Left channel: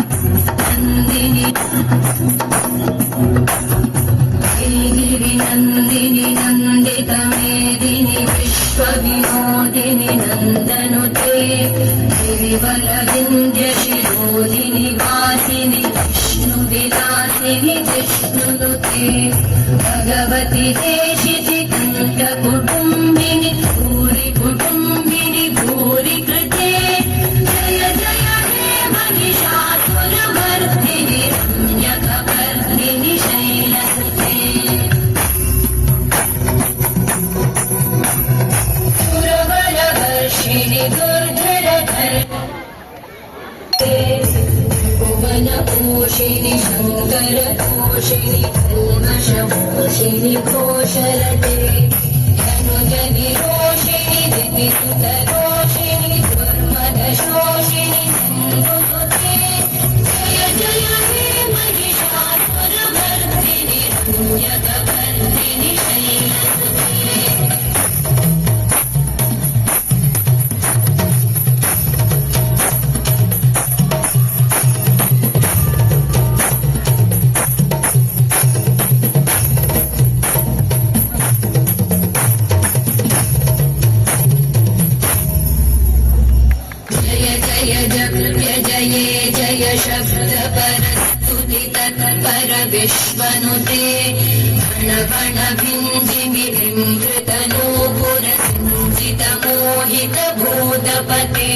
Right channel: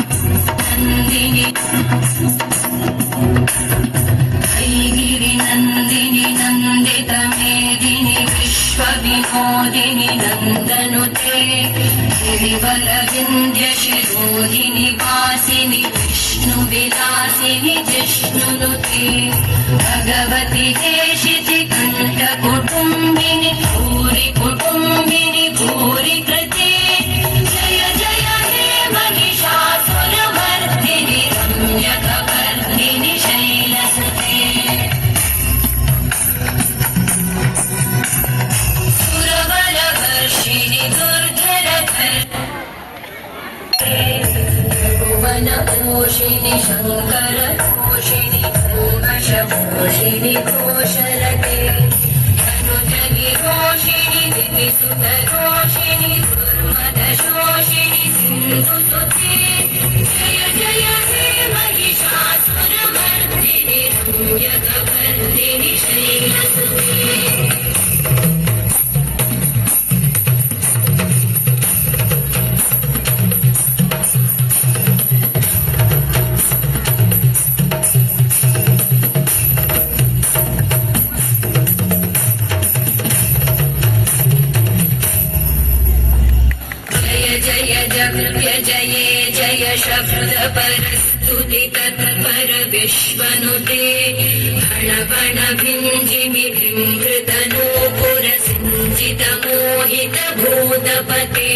नन्दिनि ऐगिरि नन्दिनि नन्दितमेदिनि विश्वविनोदिनि नन्दनुते गिरिवलविन्द्यशिरोदिनि वासिनि विष्णुविलासिनि जिष्णुनुते भगवति देशिति कण्ठकुटुम्बिनि भूरि कुटुम्बिनि भूरि कृते जय जय हे महिषासुरमर्दिनि रम्यकवर्दिनि शैलसुते सुरबलवर्षिणि दुर्धरधर्ते भुवनपोषिणि शङ्करतोषिणि कल्मषपोषिणि घोषरते धनुजनिरोषिणि दिविसुतरोषिणि दुर्मदशोषिणि सिन्धुसुते जय जय हे महिषासुरमर्दिनि रम्यकवर्दिनि शैलसुते विश्वनुते हणवणभिञ्जिमि विंकृतनूपुरसिञ्जितमोहितभूतपते